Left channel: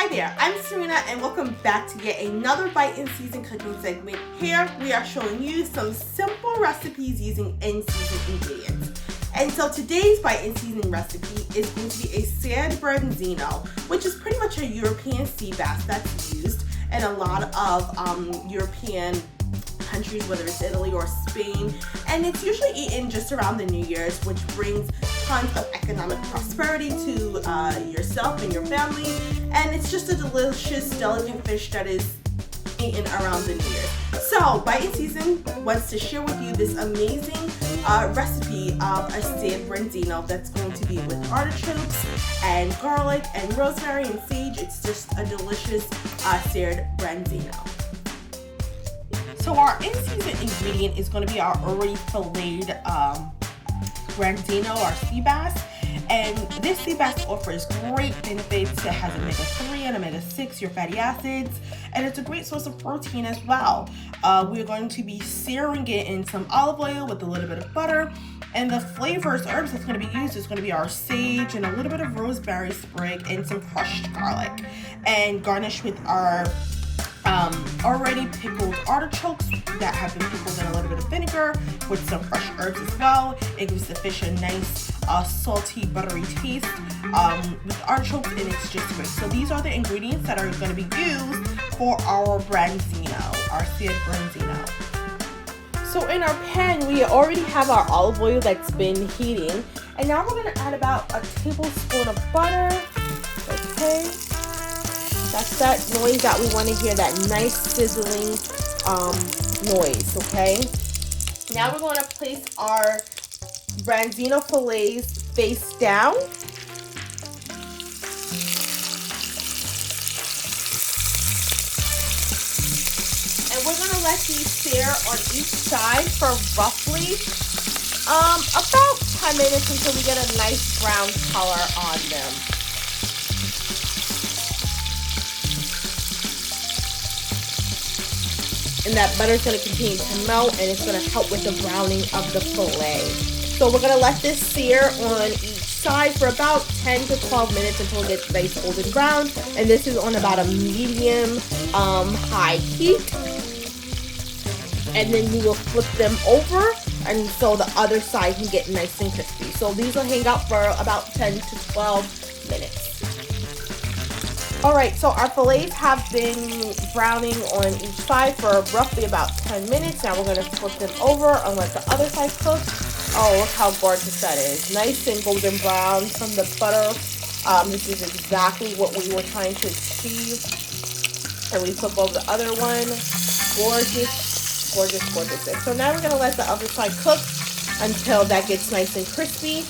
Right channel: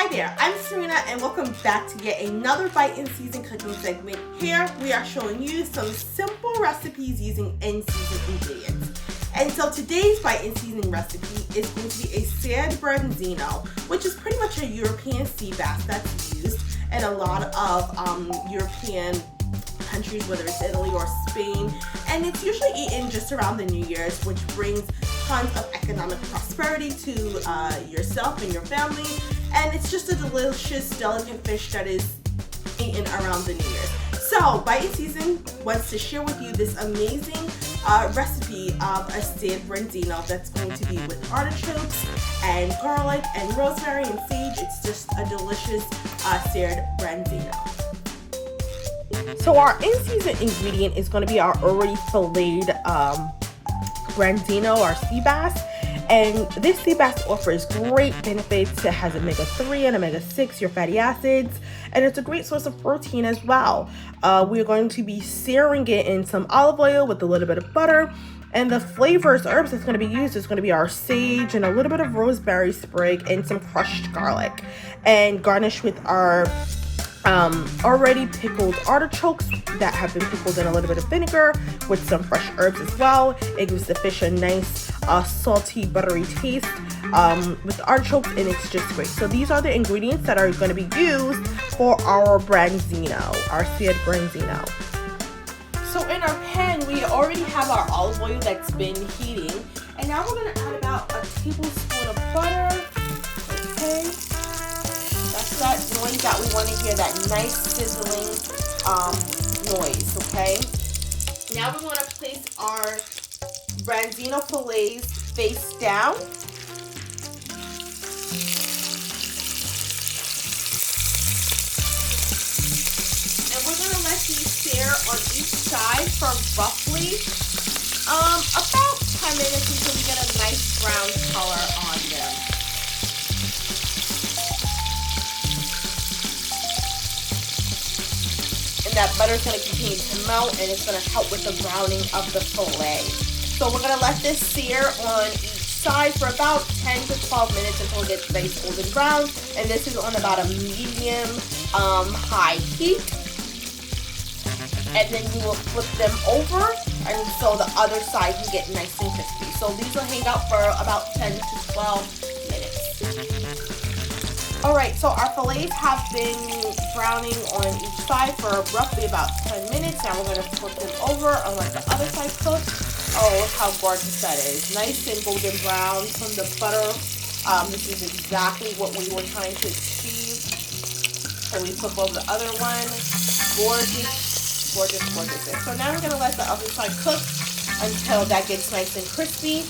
Hi there, I'm Serena and welcome back to yet another bite in season cooking segment. Here we are showing you some simple recipes using in-season ingredients. And so today's bite in season recipe is going to be a Seared Branzino, which is pretty much a European sea bass that's used in a lot of European countries, whether it's Italy or Spain, and it's usually eaten just around the New Year's, which brings tons of economic prosperity to yourself and your family, and it's just a delicious, delicate fish that is eaten around the New Year's. So, Bite in Season wants to share with you this amazing recipe of a Seared Branzino that's going to be with artichokes and garlic and rosemary and sage. It's just a delicious Seared Branzino. So our in-season ingredient is going to be our already filleted Branzino, our sea bass. And this sea bass offers great benefits. It has omega-3 and omega-6, your fatty acids, and it's a great source of protein as well. We're going to be searing it in some olive oil with a little bit of butter. And the flavors, herbs that's going to be used is going to be our sage and a little bit of rosemary sprig and some crushed garlic. And garnished with our already pickled artichokes that have been pickled in a little bit of vinegar with some fresh herbs as well. It gives the fish a nice salty, buttery taste with artichokes, and it's just great. So these are the ingredients that are going to be used for our Branzino, our Seared Branzino. So in our pan, we already have our olive oil that's been heating, and now we're going to add about a tablespoon of butter. Okay. That noise that we want to hear, that nice sizzling noise, okay? Now we're going to place our Branzino fillets face down. And we're going to let these sear on each side for roughly about 10 minutes until we get a nice brown color on them. And that butter is going to continue to melt, and it's going to help with the browning of the fillet. So we're going to let this sear on each side for about 10 to 12 minutes until it gets nice golden brown. And this is on about a medium high heat. And then you will flip them over, and so the other side can get nice and crispy. So these will hang out for about 10 to 12 minutes. Alright, so our fillets have been browning on each side for roughly about 10 minutes. Now we're going to flip them over and let the other side cook. Oh, look how gorgeous that is. Nice and golden brown from the butter. This is exactly what we were trying to achieve. And we flip over the other one. Gorgeous, gorgeous, gorgeous. So now we're going to let the other side cook until that gets nice and crispy.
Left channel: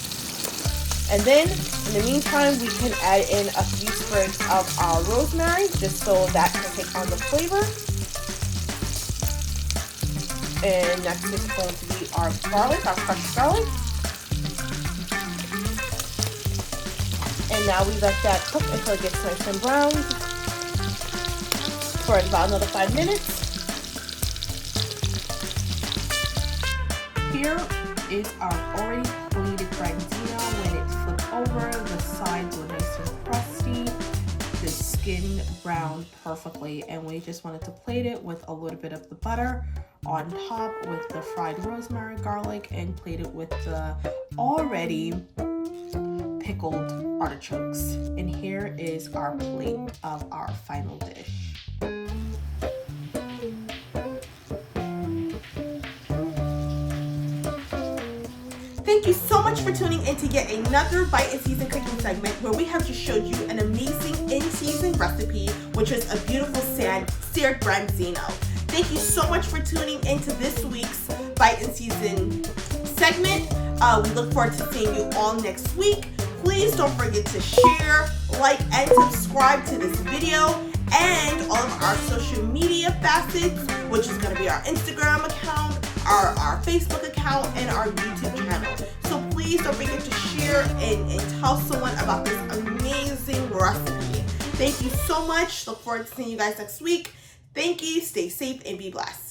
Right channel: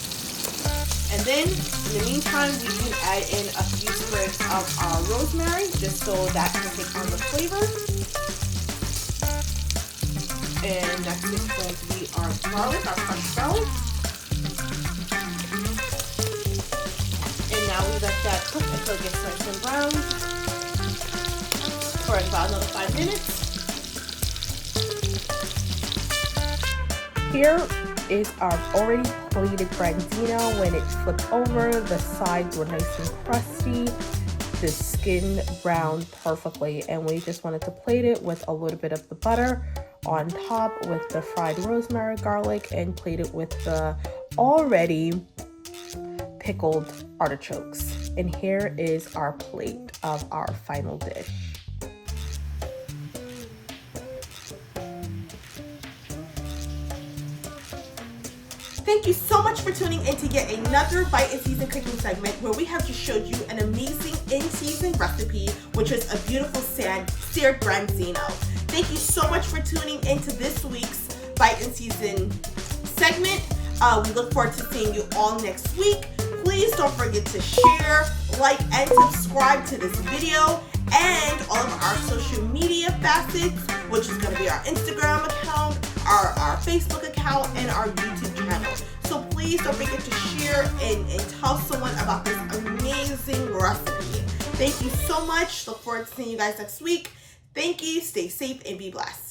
And then, in the meantime, we can add in a few sprigs of our rosemary, just so that can take on the flavor. And next is going to be our garlic, our crushed garlic. And now we let that cook until it gets nice and brown for about another 5 minutes. Here is our already plated Branzino. When it flipped over, the sides were nice and crusty, the skin browned perfectly, and we just wanted to plate it with a little bit of the butter on top with the fried rosemary, garlic, and plate it with the already pickled artichokes. And here is our plate of our final dish. Thank you so much for tuning in to yet another Bite in Season cooking segment where we have just showed you an amazing in-season recipe, which is a beautiful Seared Branzino. Thank you so much for tuning into this week's Bite in Season segment. We look forward to seeing you all next week. Please don't forget to share, like, and subscribe to this video and all of our social media facets, which is going to be our Instagram account, our Facebook account, and our YouTube channel. So please don't forget to share and tell someone about this amazing recipe. Thank you so much. Look forward to seeing you guys next week. Thank you. Stay safe and be blessed.